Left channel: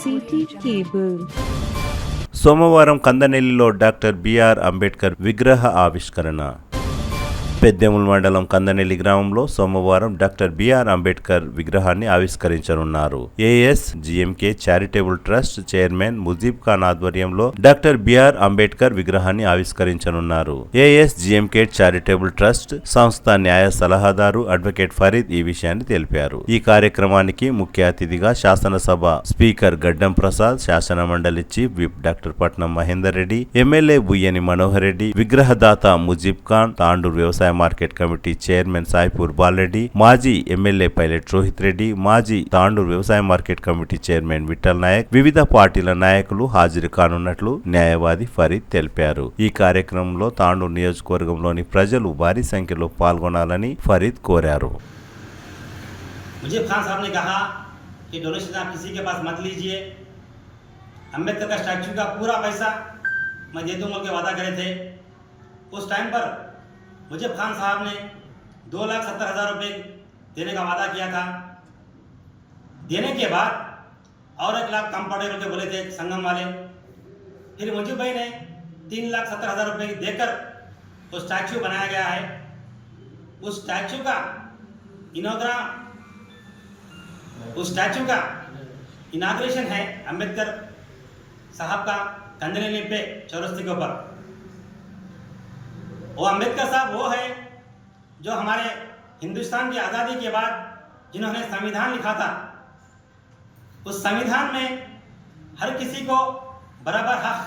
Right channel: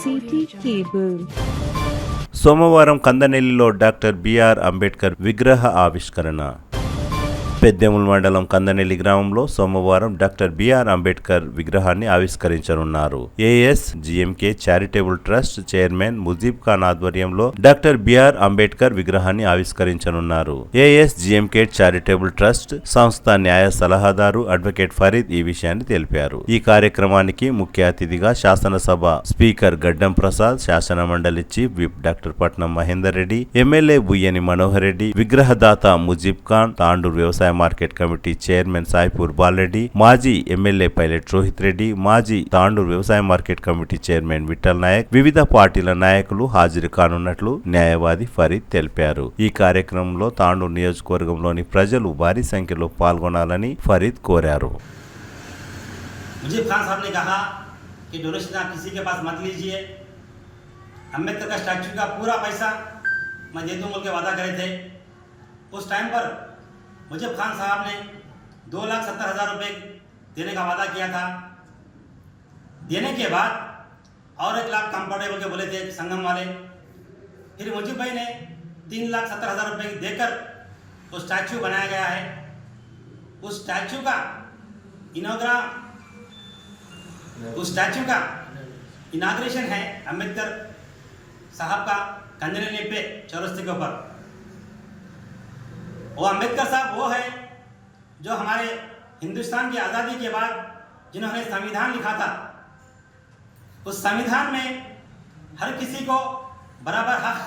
City cable. సోమవారం కందనెల్లిలో doctor BR Ambedkar విగ్రహ ఆవిష్కరణ. పెద్దెముల్ మండలం కందనెల్లి గ్రామంలో సోమవారం డాక్టర్ బిఆర్ అంబేద్కర్ విగ్రహాన్ని ఆవిష్కరించనున్నారు. AS GMK charitable trust chairman Mujeeb Khan ఆధ్వర్యంలో డాక్టర్ బిఆర్ అంబేద్కర్ విగ్రహాన్ని ఆవిష్కరించనున్నారు. ఏఎస్ జిఎంకే చారిటబుల్ ట్రస్ట్ సంస్థ న్యాయ సలహాదారు అడ్వకేట్ ఫరీద్ ఈ విషయాన్ని తెలిపారు. ఈ కార్యక్రమానికి ముఖ్య అతిథిగా శాసనసభ స్పీకర్ గడ్డం ప్రసాద్, శాసన మండలి chief whip doctor Patnam Mahender Reddy, MLA Buyyani Manohar Reddy, విగ్రహదాత ముజీబ్ ఖాన్, తాండూరు వ్యవసాయ market committee chairman Saipur Balareddy, మాజీ ఎమ్మెల్యే పైలట్ రోహిత్ రెడ్డి, మాజీ తాండూరు వ్యవసాయ market committee chairman Vithal Nayak, వివిధ పార్టీల నాయకులు హాజరు కానున్నట్లు న్యాయవాది ఫరీద్ తెలిపారు. ఈ కార్యక్రమంలో తాండూరు నియోజకవర్గంలోని ప్రజలు భారీ సంఖ్యలో పాల్గొనాలని ఫరీద్ కోరారు. मुझे खान साहब ने कहा कि डोनेशन आप किसी के पास मत लीजिए, अम्बेडकर का स्टैचू का पूरा पैसा मैं दे दूँ बोल के वादा करे थे. उस टाइम पर मुझे खान साहब ने 2,70,000 रुपये देने का वादा किया था. देने के बाद और 1 लाख कम पड़े बोल के बोले थे संगम वाले. फिर मुझे भाई ने 3,70,000 रुपये देकर वो स्टैचू बनाया गया है. उस स्टैचू का इनाग्रेशन है अंबेडकर साहब का कंदनएल्ली पे चौरस्ते के ऊपर. वो अंबेडकर साहब वो है जो हमारे हिंदुस्तान की आज़ादी के बाद जिन्होंने संविधान लिखा था. उस संविधान में हर किसी को बराबर हक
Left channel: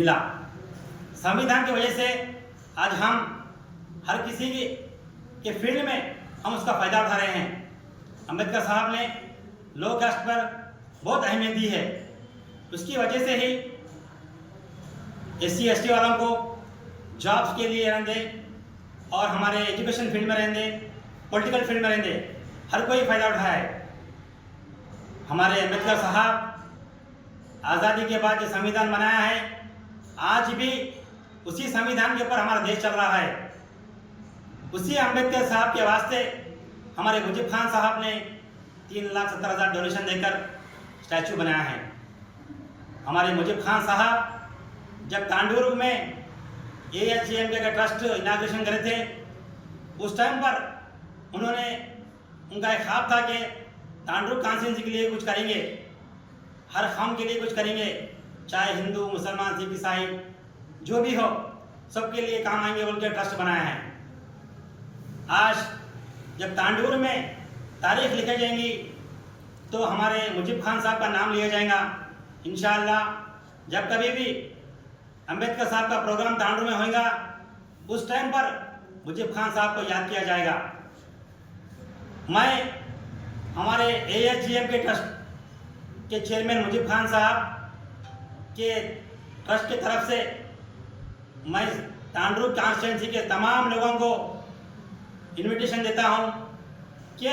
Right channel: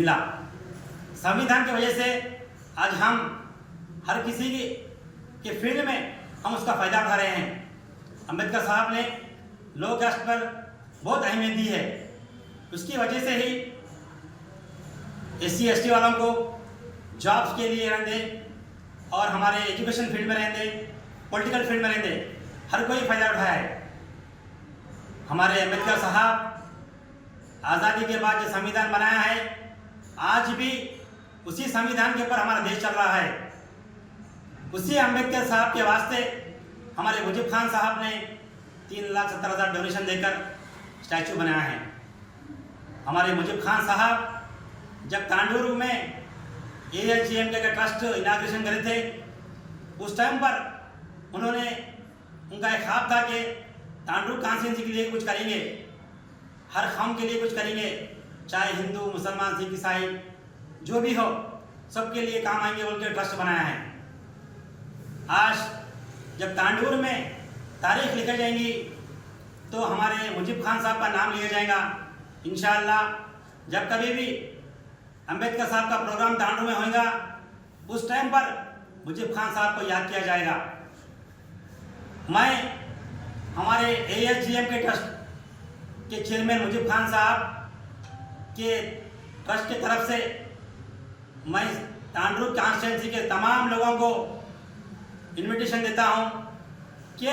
मिला. संविधान की वजह से आज हम हर किसी के फील्ड में हम उसका फ़ायदा उठा रहे हैं. अंबेडकर साहब ने लोक राष्ट्र पर बहुत अहमियत दी है. उसकी वजह से ही SC ST वालों को जॉब्स के लिए रहने, और हमारे एजुकेशन फील्ड में रहने, पॉलिटिकल फील्ड में रहने, हर कोई फ़ायदा उठाया है. हमारे अंबेडकर साहब आज़ादी के बाद जो संविधान बनाया है, आज भी उसी संविधान के ऊपर हमारा देश चल रहा है. उसी अंबेडकर साहब के वास्ते हमारे मुजीब खान साहब ने 3,70,000 डोनेशन देकर स्टैचू बनाया है. हमारे मुजीब खान साहब जब तांडूरू में ASGMK का ट्रस्ट इनाग्रेशन करे थे, उस टाइम पर उन्होंने उनका एक ख्वाब था कि तांडूर कॉन्स्टिट्यूंसी के लिए कुछ करेंगे, हर कौम के लिए कुछ करेंगे, चाहे हिंदू मुसलमान सिख ईसाई जो भी हो सबके लिए काम आएंगे बोल के ट्रस्ट बनाया है. आज जब तांडूर में तारीख लिखी जाएंगी तो हमारे मुजीब खान साहब का नाम लिया जाएगा. इंशाअल्लाह जब कभी भी अंबेडकर साहब का प्रोग्राम तांडूर में होगा, उस टाइम पर मुजीब खान साहब को याद किया जाएगा. मैं हमारे ASGMK ट्रस्ट के चेयरमैन मुजीब खान साहब के ट्रस्ट की तरफ से मैं तांडूर कॉन्स्टिट्यूंसी के तमाम लोगों को इनविटेशन देता हूं कि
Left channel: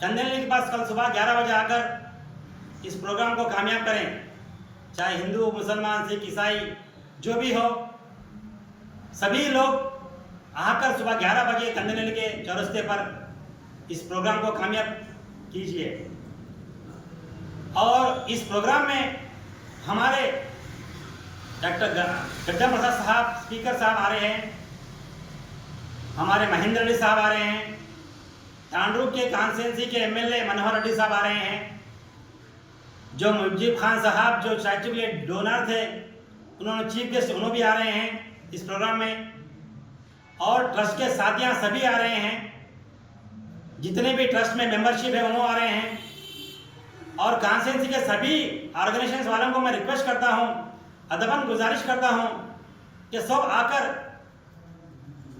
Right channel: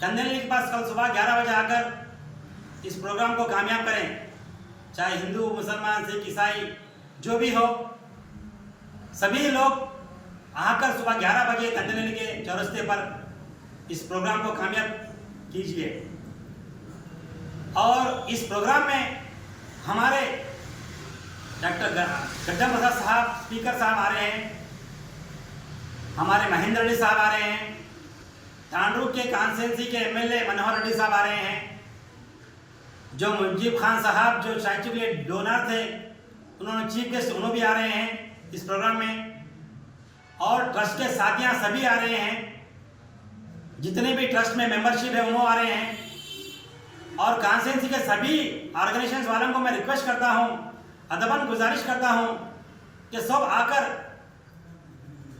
कंदनएल्ली के पास कल सुबह 11 बजे आकर इस प्रोग्राम को कामयाब करें. चाहे हिंदू मुसलमान सिख ईसाई जो भी हो, सभी लोग आकर सुबह 11 बजे कंदनएल्ली के चौरस्ते पर इस प्रोग्राम को कामयाब कीजिए. और इस प्रोग्राम में हमारे डॉक्टर गड्डम प्रसाद साहब स्पीकर साहब आ रहे हैं, हमारे महेंद्र रेड्डी साहब आ रहे हैं, तांडूर के कॉन्स्टिट्यूंसी के MLA मनोहर रेड्डी साहब आ रहे हैं, जो मुजीब खान साहब जो स्टैचू के डोनर थे उन्होंने चीफ गेस्ट उन्होंने भी आ रहे हैं इस प्रोग्राम में, और ट्रस्ट के साथियाँ सभी आ रहे हैं, जितने भी ट्रस्ट में मेंबरशिप है उन्होंने आ रहे हैं. और कॉन्स्टिट्यूंसी के सभी ऑर्गेनाइजेशन वालों को मैं रिक्वेस्ट करता हूँ, अदबन गुजारिश करता हूँ कि सब आकर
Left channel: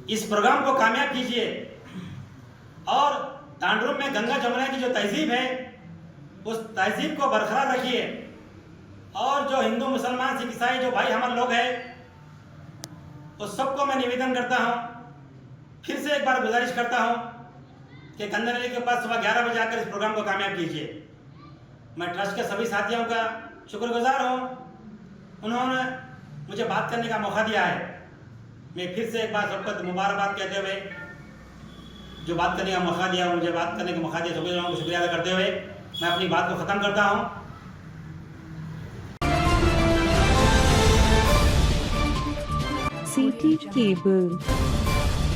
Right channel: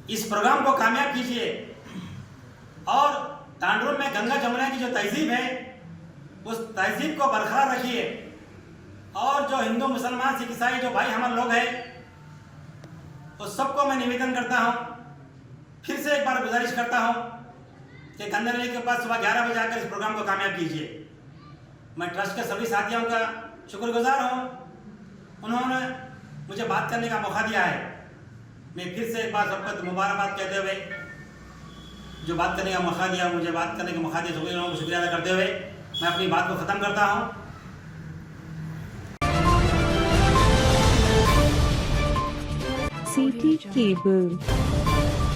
इस प्रोग्राम को कामयाब कीजिए. और तांडूर में गंगा जमुना की जो तहजीब है उस तहजीब को बरकरार रखिए. और जो हिंदू मुसलमान सिख ईसाई जो भाई हमारे लोग हैं उस सबको मैं निवेदन करता हूँ, फिर से एक बार गुजारिश करता हूँ कि कंदनएल्ली के पास सुबह 11 बजे आकर इस प्रोग्राम को कामयाब कीजिए. मैं ट्रस्ट के सभी साथियों का शुक्रगुजार हूँ, उन्होंने मुझे बात करने का मौका दिया है. मैं फिर से एक बार सबको मुबारकबाद कहते हुए, जो बात करने का मौका दिया, मुझे बात करने का मौका दिया, सभी लोगों को शुक्रिया अदा करते हुए मैं अपनी बात को ख़त्म करता हूँ। CT Cable